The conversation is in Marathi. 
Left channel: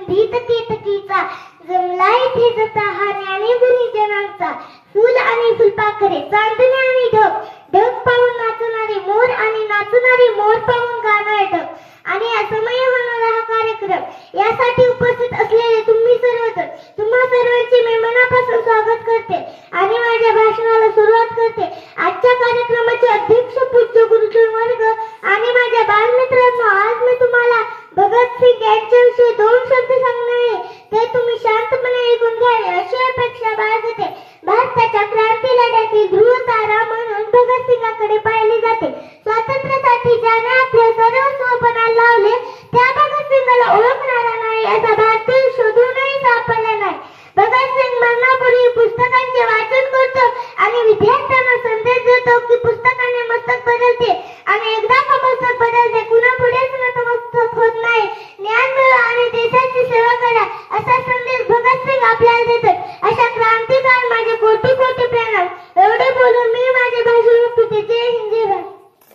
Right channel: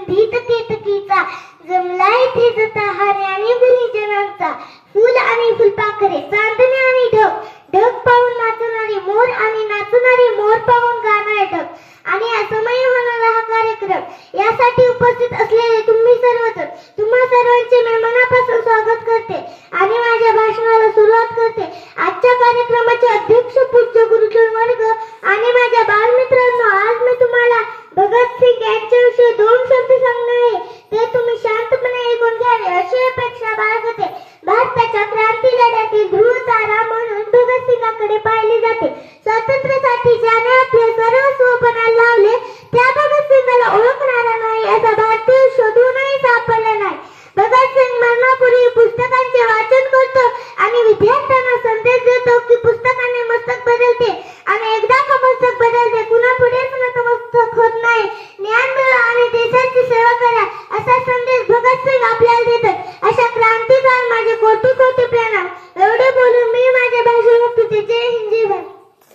सुगंधित केतकीचा जमला इथे जताहार आणि गुणीजनांचा फुल आणि फुलपाखरे चांदणे आणि ढग ढग पाहून नाचणारी मोर आणि नाचणारी मोर पाहून गाणारे ढग आणि असमय होणारा हा कार्यक्रम यासाठी उपस्थित असलेले तुम्ही सर्वजण तुम्हा सर्वांचे मी मनापासून स्वागत करते आणि माझ्या भाषणाला सुरुवात करते। आजच्या कार्यक्रमाचे अध्यक्ष पूज्य गुरुजन वर्ग आणि माझ्या बालमित्रांनो, आज मी तुम्हाला भगतसिंग यांच्याविषयी 2 शब्द